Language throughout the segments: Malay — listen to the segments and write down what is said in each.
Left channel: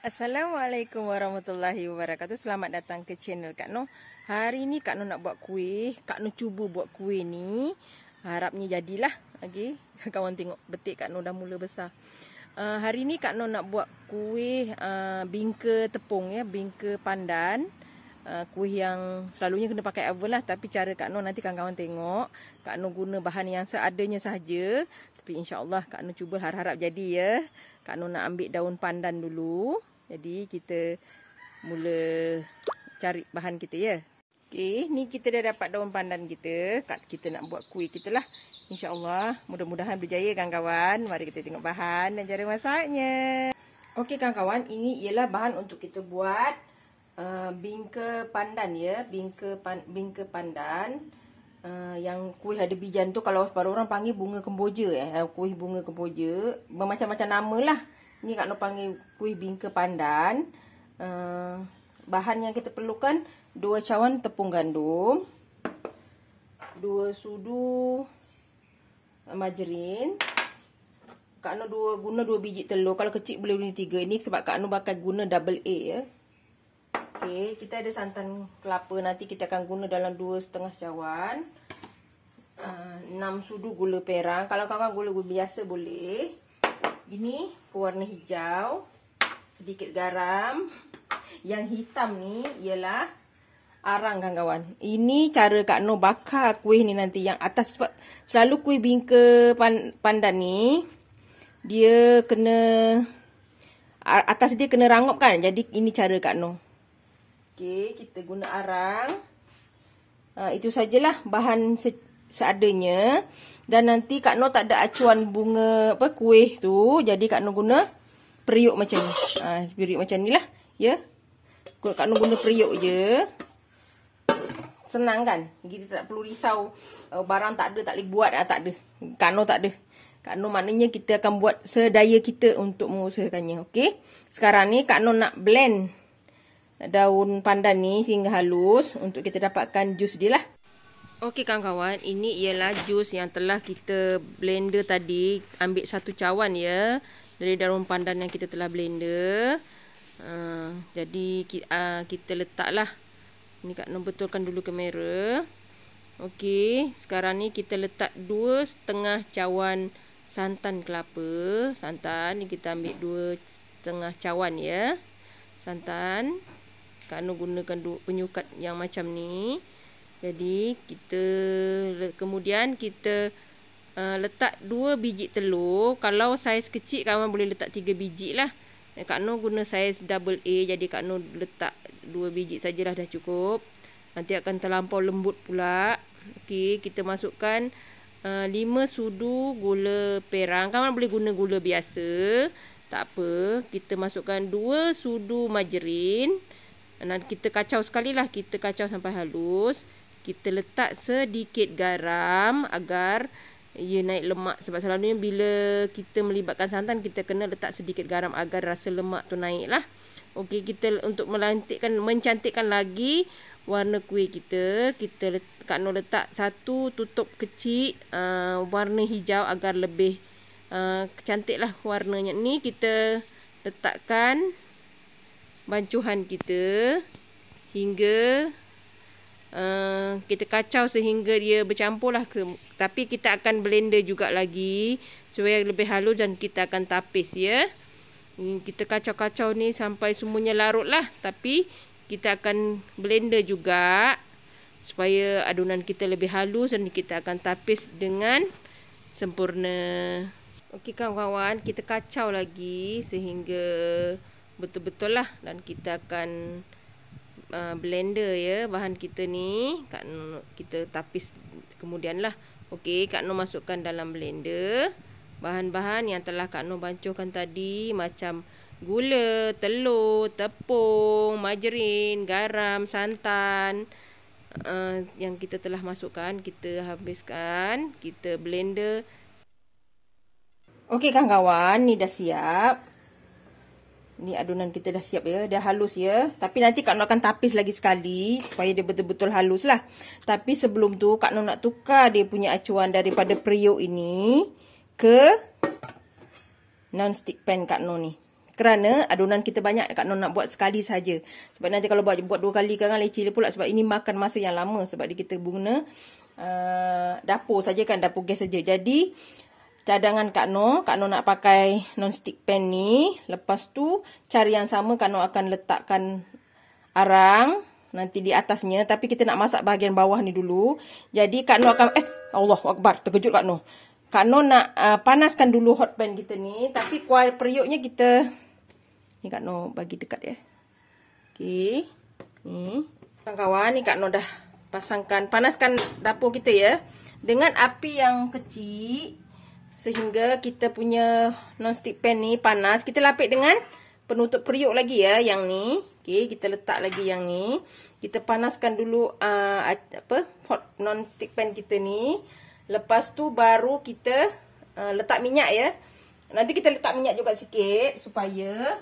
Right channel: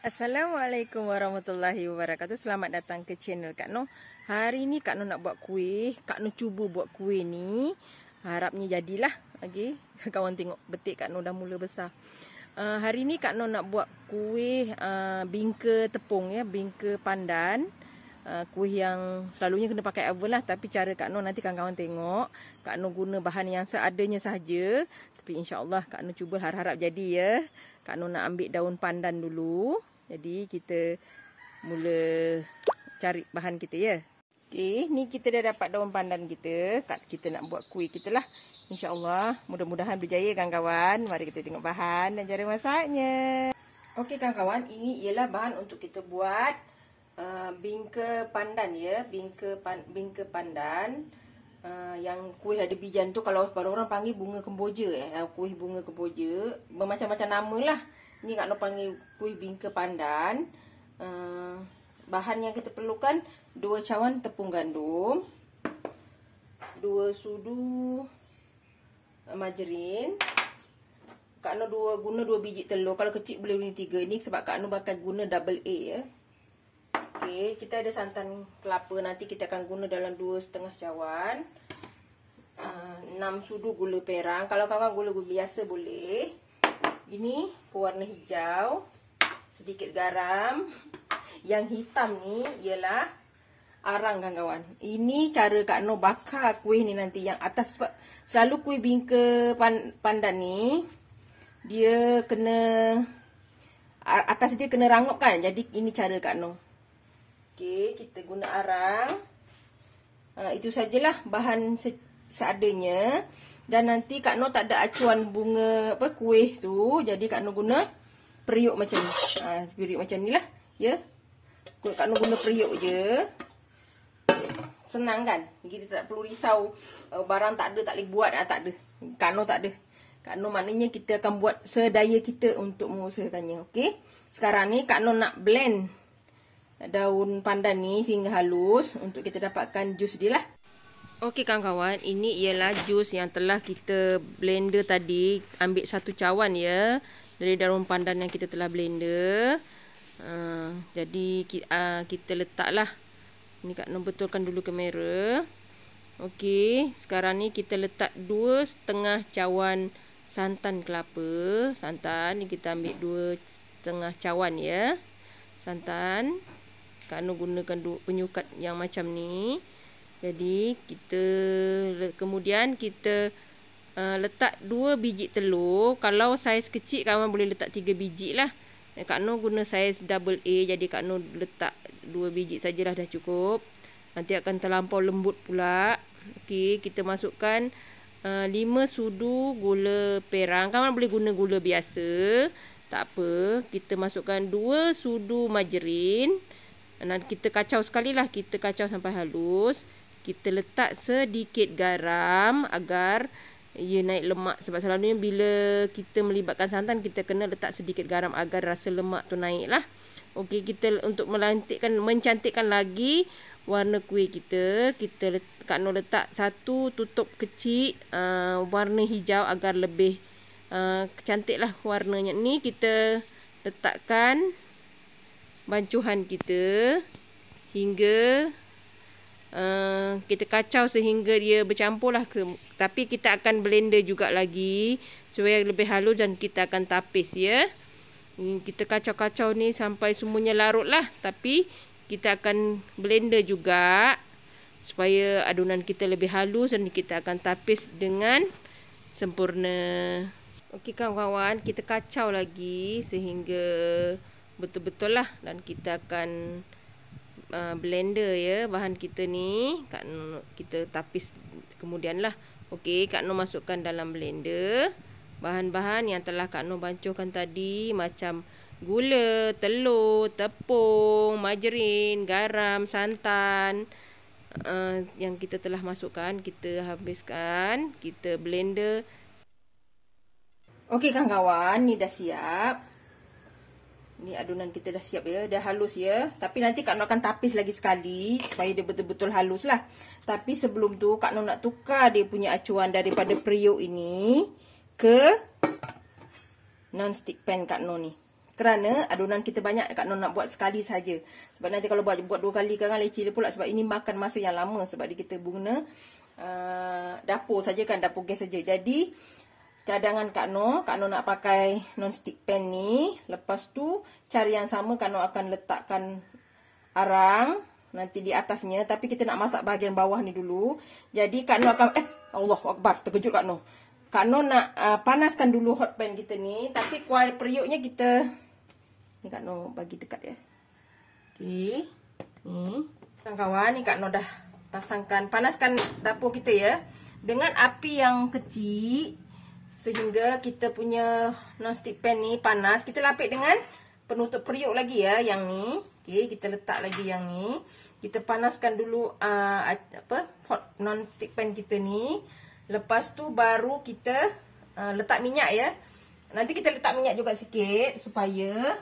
Assalamualaikum warahmatullahi wabarakatuh. Selamat datang ke channel Kak Noh. Hari ni Kak Noh nak buat kuih. Kak Noh cuba buat kuih ni. Harapnya jadilah. Okay. Kawan tengok betik Kak Noh dah mula besar. Hari ni Kak Noh nak buat kuih bingka tepung ya, bingka pandan. Kuih yang selalunya kena pakai oven lah. Tapi cara Kak Noh nanti kawan-kawan tengok. Kak Noh guna bahan yang seadanya sahaja. Tapi insyaAllah Kak Noh cuba, harap-harap jadi ya. Kak Noh nak ambil daun pandan dulu. Jadi kita mula cari bahan kita ya. Okey, ni kita dah dapat daun pandan kita. Kita nak buat kuih kita lah. InsyaAllah mudah-mudahan berjaya kawan-kawan. Mari kita tengok bahan dan cara masaknya. Okey kawan-kawan, ini ialah bahan untuk kita buat bingka pandan ya. Bingka pandan. Yang kuih ada bijan tu kalau orang panggil bunga kemboja ya. Kuih bunga kemboja. Bermacam-macam nama lah. Ni Kak Noh panggil kuih bingka pandan. Bahan yang kita perlukan 2 cawan tepung gandum, 2 sudu margarin. Kak Noh guna 2 biji telur. Kalau kecil boleh guna 3. Ini sebab Kak Noh bakal guna double A ya. Okey, kita ada santan kelapa. Nanti kita akan guna dalam 2,5 cawan. 6 sudu gula perang. Kalau kawan-kawan gula biasa boleh. Ini warna hijau, sedikit garam. Yang hitam ni ialah arang kawan-kawan. Ini cara Kak Noh bakar kuih ni nanti yang atas. Sebab selalu kuih bingka pandan ni dia kena atas dia kena rangup kan. Jadi ini cara Kak Noh. Okey, kita guna arang. Itu sajalah bahan seadanya. Dan nanti Kak Noh tak ada acuan bunga kuih tu. Jadi Kak Noh guna periuk macam ni. Periuk macam ni lah. Ya. Kak Noh guna periuk je. Senang kan? Kita tak perlu risau. Barang tak ada, tak boleh buat. Tak ada. Kak Noh tak ada. Kak Noh maknanya kita akan buat sedaya kita untuk mengusahakannya. Okey. Sekarang ni Kak Noh nak blend daun pandan ni sehingga halus. Untuk kita dapatkan jus dia lah. Okey kawan-kawan, ini ialah jus yang telah kita blender tadi. Ambil 1 cawan ya dari daun pandan yang kita telah blender. Jadi kita letaklah. Ni Kak Noh betulkan dulu kamera. Okey, sekarang ni kita letak 2,5 cawan santan kelapa. Santan ni kita ambil 2,5 cawan ya. Santan. Kak Noh gunakan penyukat yang macam ni. Jadi kemudian kita letak 2 biji telur. Kalau saiz kecil kawan boleh letak 3 biji lah. Kak Noh guna saiz double A. Jadi Kak Noh letak 2 biji sajalah dah cukup. Nanti akan terlampau lembut pula. Okey, kita masukkan 5 sudu gula perang. Kawan boleh guna gula biasa. Tak apa. Kita masukkan 2 sudu margarin. Dan kita kacau sekali lah. Kita kacau sampai halus. Kita letak sedikit garam agar ia naik lemak. Sebab selalunya bila kita melibatkan santan, kita kena letak sedikit garam agar rasa lemak tu naik lah. Okey, kita untuk mencantikkan lagi warna kuih kita. Kak Noh letak 1 tutup kecil warna hijau agar lebih cantik lah warnanya. Ni kita letakkan bancuhan kita hingga kita kacau sehingga dia bercampur lah. Tapi kita akan blender juga lagi supaya lebih halus dan kita akan tapis ya. Kita kacau-kacau ni sampai semuanya larut lah. Tapi kita akan blender juga supaya adunan kita lebih halus dan kita akan tapis dengan sempurna. Okey kawan-kawan, kita kacau lagi sehingga betul-betul lah. Dan kita akan blender ya bahan kita ni. Kita tapis kemudian lah. Okey, Kak Noh masukkan dalam blender bahan-bahan yang telah Kak Noh bancuhkan tadi. Macam gula, telur, tepung, margarin, garam, santan. Yang kita telah masukkan, kita habiskan. Kita blender. Okey kawan-kawan, ni dah siap. Ni adunan kita dah siap ya. Dah halus ya. Tapi nanti Kak Noh akan tapis lagi sekali supaya dia betul-betul halus lah. Tapi sebelum tu Kak Noh nak tukar dia punya acuan daripada periuk ini ke non-stick pan Kak Noh ni. Kerana adunan kita banyak, Kak Noh nak buat sekali saja. Sebab nanti kalau buat 2 kali kan leceh pula. Sebab ini makan masa yang lama. Sebab kita guna dapur saja kan, dapur gas saja. Jadi cadangan Kak Noh nak pakai non-stick pan ni. Lepas tu cara yang sama Kak Noh akan letakkan arang nanti di atasnya. Tapi kita nak masak bahagian bawah ni dulu. Jadi Kak Noh akan Allahuakbar, terkejut Kak Noh. Kak Noh nak panaskan dulu hot pan kita ni. Tapi kuah periuknya kita ni Kak Noh bagi dekat ya. Okey. Ni kawan-kawan, ni Kak Noh dah panaskan dapur kita ya. Dengan api yang kecil sehingga kita punya non-stick pan ni panas. Kita lapik dengan penutup periuk lagi ya, yang ni. Okey, kita letak lagi yang ni. Kita panaskan dulu hot non-stick pan kita ni. Lepas tu baru kita letak minyak ya. Nanti kita letak minyak juga sikit supaya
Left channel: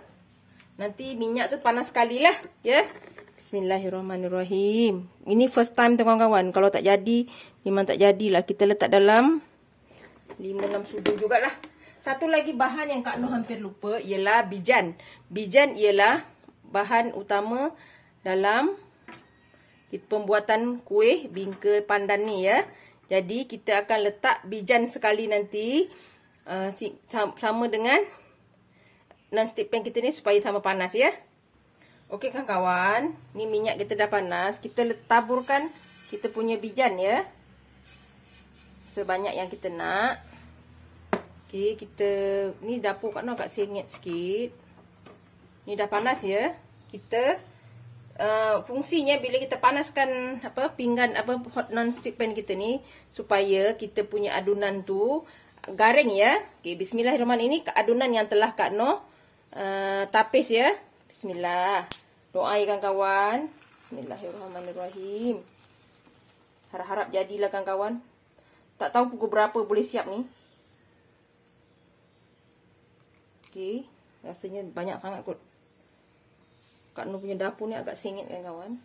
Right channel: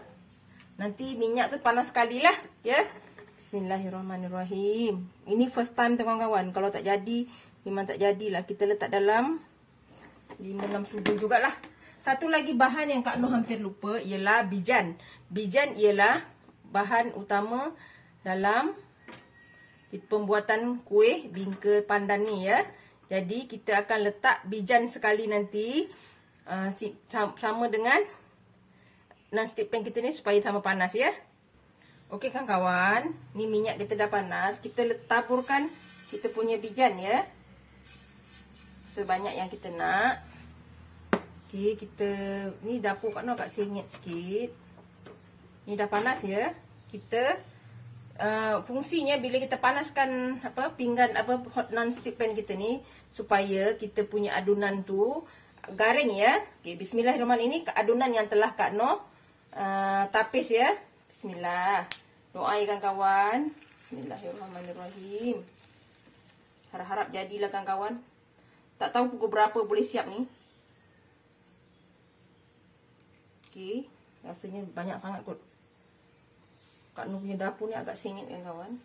nanti minyak tu panas sekali lah ya. Bismillahirrahmanirrahim. Ini first time tu kawan-kawan. Kalau tak jadi, memang tak jadilah. Kita letak dalam 5-6 sudu jugalah. Satu lagi bahan yang Kak Noh hampir lupa ialah bijan. Bijan ialah bahan utama dalam pembuatan kuih bingka pandan ni ya. Jadi kita akan letak bijan sekali nanti sama dengan non-stick pan kita ni supaya sama panas ya. Okey kawan-kawan, ni minyak kita dah panas. Kita taburkan kita punya bijan ya. Sebanyak yang kita nak. Okey, ni dapur Kak Noh agak sengit sikit. Ni dah panas ya. Kita fungsinya bila kita panaskan pinggan hot non-stick pan kita ni supaya kita punya adunan tu garing ya. Okey, bismillahirrahmanirrahim. Ini adunan yang telah Kak Noh tapis ya. Bismillah. Doa ya kawan-kawan. Bismillahirrahmanirrahim. Harap-harap jadilah kawan-kawan. Tak tahu pukul berapa boleh siap ni. Okey, rasanya banyak sangat kot. Kak Noh punya dapur ni agak sengit kawan-kawan.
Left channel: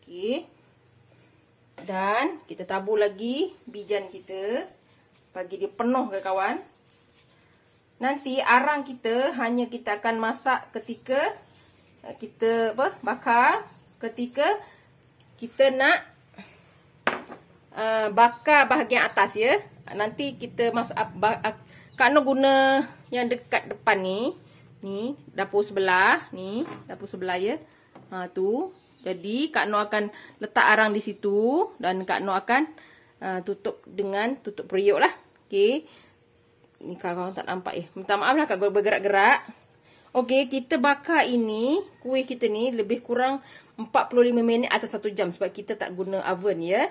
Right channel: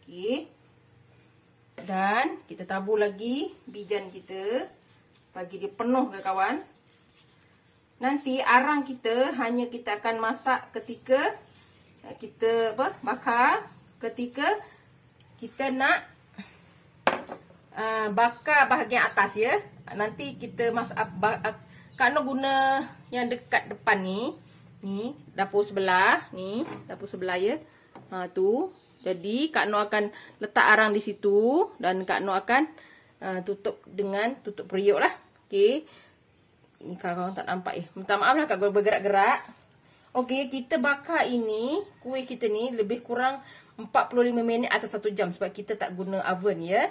Okey. Dan kita tabur lagi bijan kita. Bagi dia penuh kawan. Nanti arang kita hanya kita akan masak ketika kita bakar, ketika kita nak bakar bahagian atas ya. Nanti kita masak Kak Noh guna yang dekat depan ni. Ni dapur sebelah, ni dapur sebelah ya. Tu. Jadi Kak Noh akan letak arang di situ dan Kak Noh akan tutup dengan tutup periuk lah. Okey. Ni kawan-kawan tak nampak ya. Minta maaf lah Kak bergerak-gerak. Okey, kita bakar ini, kuih kita ni lebih kurang 45 minit atau 1 jam sebab kita tak guna oven ya.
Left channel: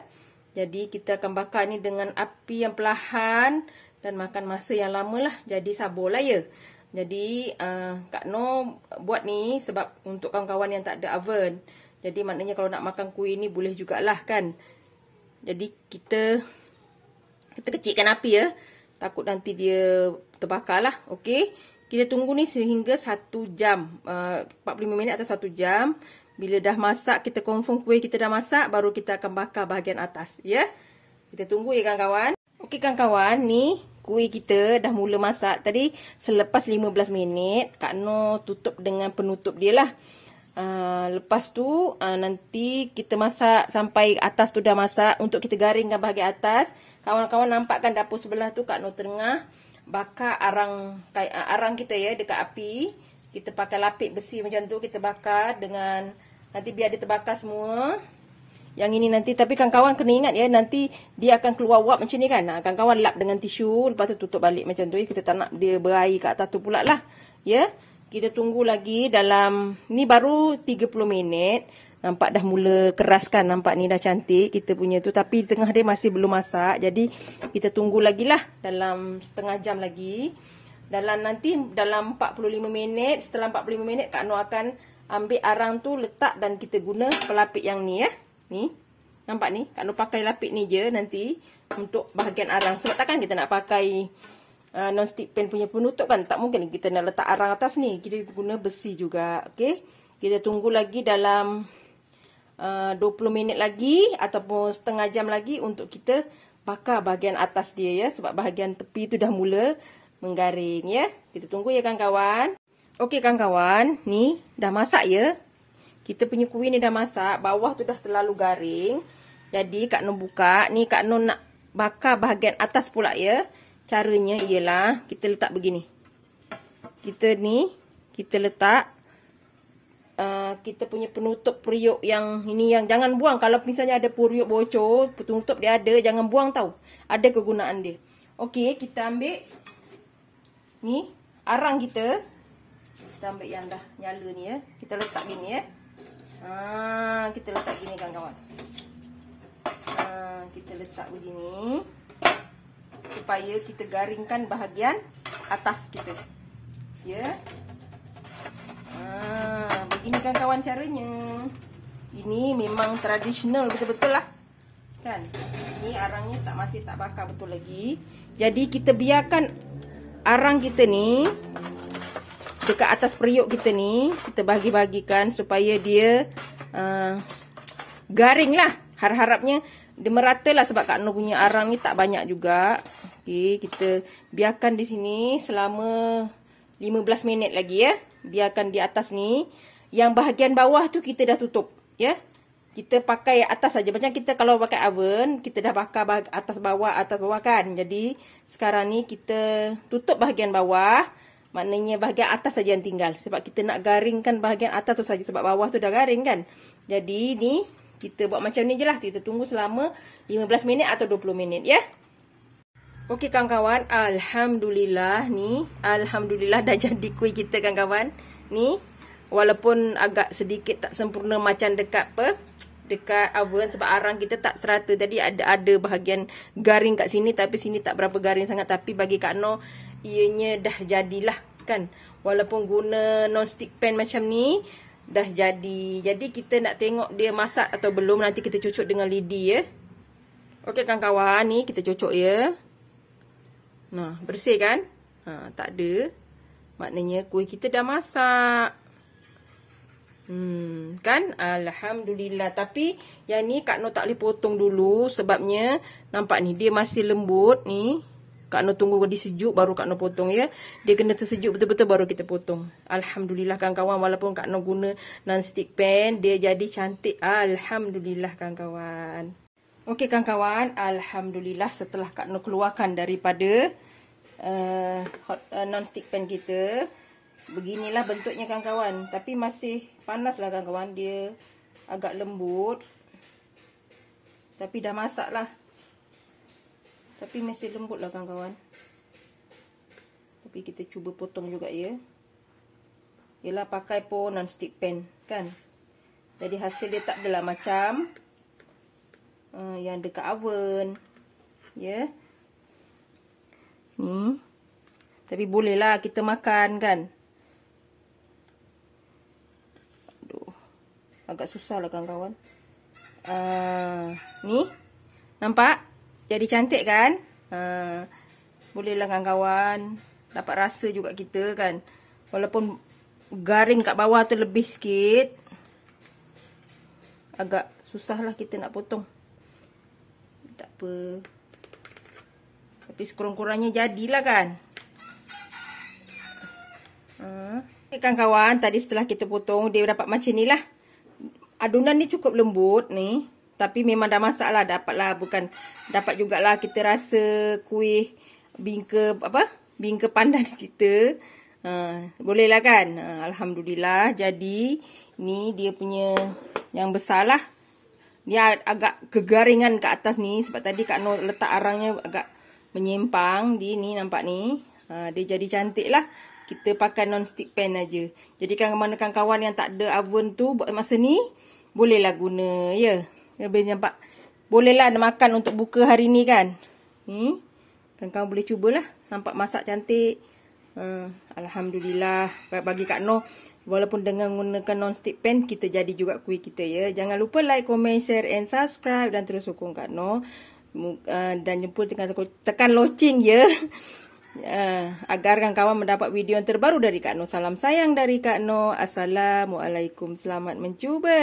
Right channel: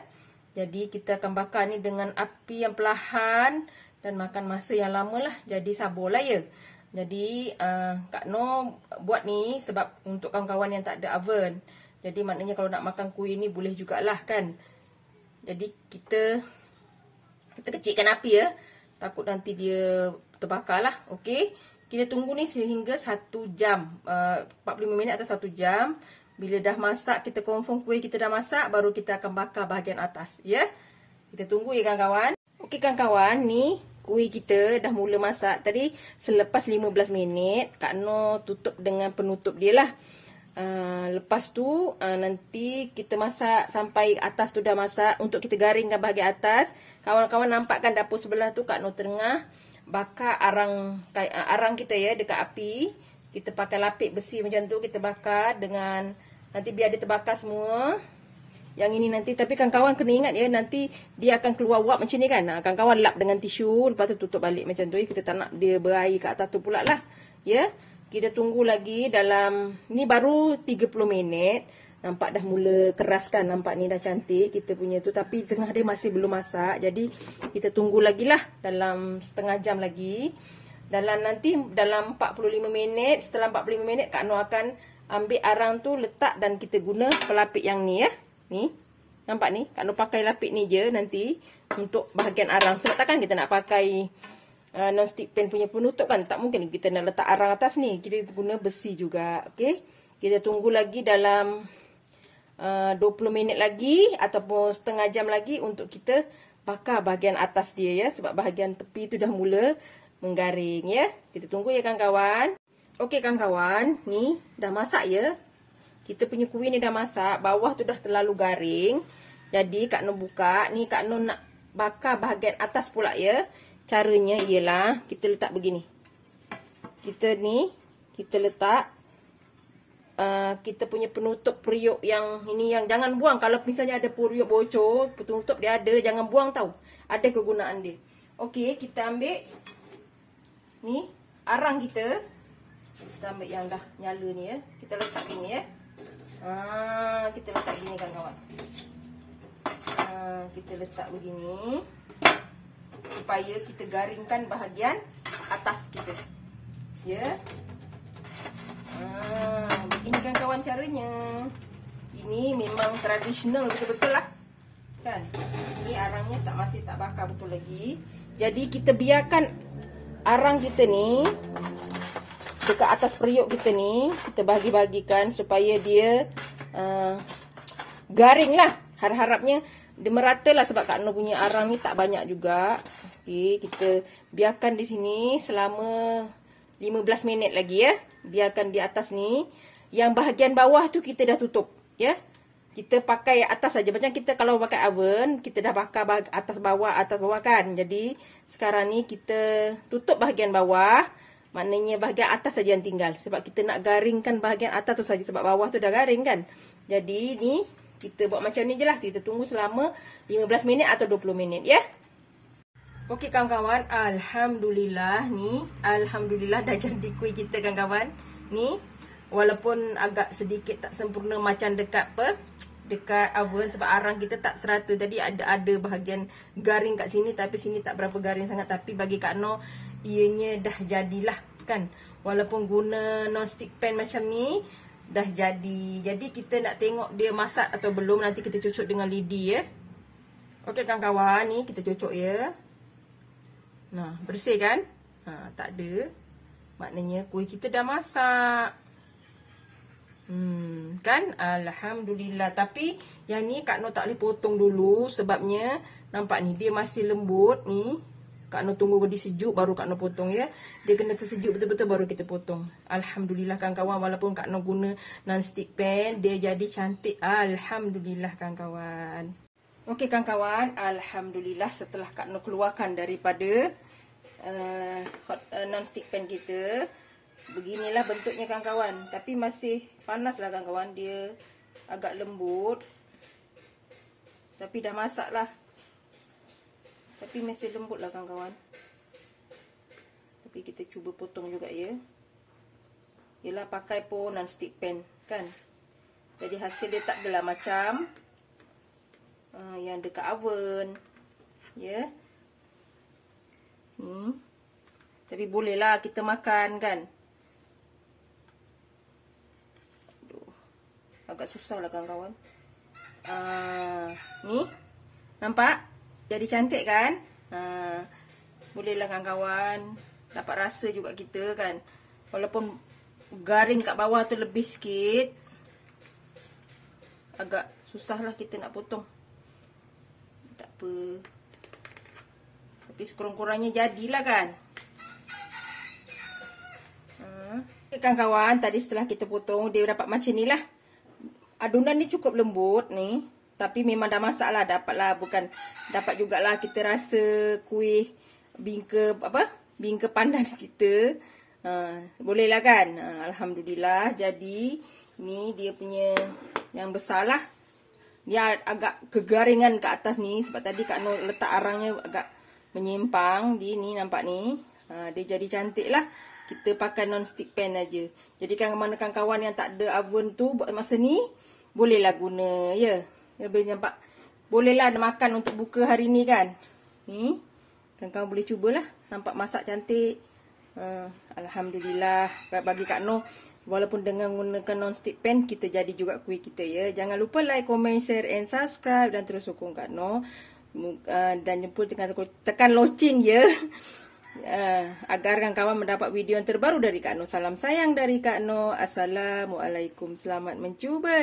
Jadi kita akan bakar ni dengan api yang perlahan dan makan masa yang lama lah. Jadi sabarlah ya. Jadi Kak Noh buat ni sebab untuk kawan-kawan yang tak ada oven. Jadi maknanya kalau nak makan kuih ni boleh jugalah kan. Jadi kita kecilkan api ya. Takut nanti dia terbakar lah. Okey. Kita tunggu ni sehingga 1 jam. 45 minit atau 1 jam. Bila dah masak, kita confirm kuih kita dah masak. Baru kita akan bakar bahagian atas. Ya. Kita tunggu ya kawan-kawan. Okey kawan-kawan. Ni kuih kita dah mula masak. Tadi selepas 15 minit. Kak Noh tutup dengan penutup dia lah. Lepas tu nanti kita masak sampai atas tu dah masak. Untuk kita garingkan bahagian atas. Kawan-kawan nampak kan dapur sebelah tu Kak Noh tengah bakar arang kita ya dekat api. Kita pakai lapik besi macam tu. Kita bakar dengan nanti biar dia terbakar semua. Yang ini nanti. Tapi kawan-kawan kena ingat ya. Nanti dia akan keluar wap macam ni kan. Kawan-kawan lap dengan tisu. Lepas tu tutup balik macam tu. Kita tak nak dia berair kat atas tu pula lah. Ya. Kita tunggu lagi dalam. Ni baru 30 minit. Nampak dah mula keras kan. Nampak ni dah cantik kita punya tu. Tapi tengah dia masih belum masak. Jadi kita tunggu lagi lah. Dalam setengah jam lagi. Nanti dalam 45 minit. Setelah 45 minit Kak Noh akan ambil arang tu letak. Dan kita guna pelapik yang ni ya. Ni. Nampak ni. Kak Noh pakai lapik ni je nanti. Untuk bahagian arang. Sebab takkan kita nak pakai non-stick pan punya penutup kan. Tak mungkin kita nak letak arang atas ni. Kita guna besi juga. Okay. Kita tunggu lagi dalam 20 minit lagi ataupun setengah jam lagi untuk kita bakar bahagian atas dia ya. Sebab bahagian tepi tu dah mula menggaring ya. Kita tunggu ya kawan-kawan. Okey kawan-kawan, ni dah masak ya. Kita punya kuih ni dah masak, bawah tu dah terlalu garing. Jadi Kak Noh buka, ni Kak Noh nak bakar bahagian atas pula ya. Caranya ialah kita letak begini. Kita letak kita punya penutup periuk yang ini, yang jangan buang. Kalau misalnya ada periuk bocor, penutup dia ada, jangan buang tau. Ada kegunaan dia. Okey, kita ambil ni arang kita. Kita ambil yang dah nyala ni ya. Kita letak gini ya. Kita letak gini kawan-kawan. Kita letak begini supaya kita garingkan bahagian atas kita. Ya. Begini kawan-kawan caranya. Ini memang tradisional betul-betul lah. Kan? Ini arangnya masih tak bakar betul lagi. Jadi kita biarkan arang kita ni dekat atas periuk kita ni, kita bagi-bagikan supaya dia garing lah. Harap-harapnya dia merata lah, sebab Kak Noh punya arang ni tak banyak juga. Okay, kita biarkan di sini selama 15 minit lagi ya. Biarkan di atas ni. Yang bahagian bawah tu kita dah tutup ya. Kita pakai atas saja. Macam kita kalau pakai oven, kita dah bakar atas bawah kan. Jadi sekarang ni kita tutup bahagian bawah. Maknanya bahagian atas saja yang tinggal. Sebab kita nak garingkan bahagian atas tu saja. Sebab bawah tu dah garing kan. Jadi ni kita buat macam ni je lah. Kita tunggu selama 15 minit atau 20 minit ya. Okey kawan-kawan. Alhamdulillah ni. Alhamdulillah dah jadi kuih kita kawan-kawan. Ni. Walaupun agak sedikit tak sempurna macam dekat oven. Sebab arang kita tak serata. Jadi ada bahagian garing kat sini. Tapi sini tak berapa garing sangat. Tapi bagi Kak Noh, ianya dah jadilah kan. Walaupun guna non-stick pan macam ni, dah jadi. Jadi kita nak tengok dia masak atau belum. Nanti kita cucuk dengan lidi ya. Okey kawan-kawan, ni kita cucuk ya. Nah, bersih kan? Tak ada. Maknanya kuih kita dah masak. Kan? Alhamdulillah. Tapi yang ni Kak Noh tak boleh potong dulu. Sebabnya nampak ni dia masih lembut ni. Kak Noh tunggu dia sejuk baru Kak Noh potong ya. Dia kena tersejuk betul-betul baru kita potong. Alhamdulillah kawan-kawan, walaupun Kak Noh guna non-stick pan, dia jadi cantik. Alhamdulillah kawan-kawan. Okey kawan-kawan, alhamdulillah setelah Kak Noh keluarkan daripada non-stick pan kita, beginilah bentuknya kawan-kawan. Tapi masih panas lah kawan-kawan, dia agak lembut. Tapi dah masak lah. Tapi masih lembut lah kawan-kawan. Tapi kita cuba potong juga ya. Yelah pakai pun non-stick pan kan. Jadi hasil dia tak adalah macam yang dekat oven. Ya. Ni. Tapi bolehlah kita makan kan. Aduh. Agak susah lah kawan-kawan. Ni. Nampak? Jadi cantik kan? Bolehlah kawan-kawan. Dapat rasa juga kita kan. Walaupun garing kat bawah tu lebih sikit. Agak susah lah kita nak potong. Tak apa. Tapi sekurang-kurangnya jadilah kan. Kawan-kawan, tadi setelah kita potong, dia dapat macam ni lah. Adunan ni cukup lembut ni. Tapi memang dah masak lah, dapat lah, bukan dapat jugalah kita rasa kuih bingka pandan kita. Boleh lah kan. Alhamdulillah. Jadi ni dia punya yang besar lah. Dia agak kegaringan ke atas ni. Sebab tadi Kak Noh letak arangnya agak menyimpang. Ni nampak ni. Dia jadi cantik lah. Kita pakai non-stick pan aja. Jadi kawan-kawan yang tak ada oven tu buat masa ni, bolehlah guna ya. Lebih nampak. Bolehlah makan untuk buka hari ni kan. Ni. Kawan-kawan boleh cubalah. Nampak masak cantik. Alhamdulillah. Bagi Kak Noh, walaupun dengan menggunakan non-stick pan, kita jadi juga kuih kita ya. Jangan lupa like, comment, share and subscribe. Dan terus sokong Kak Noh. Dan jemput tekan loceng ya. Agar kawan-kawan mendapat video yang terbaru dari Kak Noh. Salam sayang dari Kak Noh. Assalamualaikum. Selamat mencuba.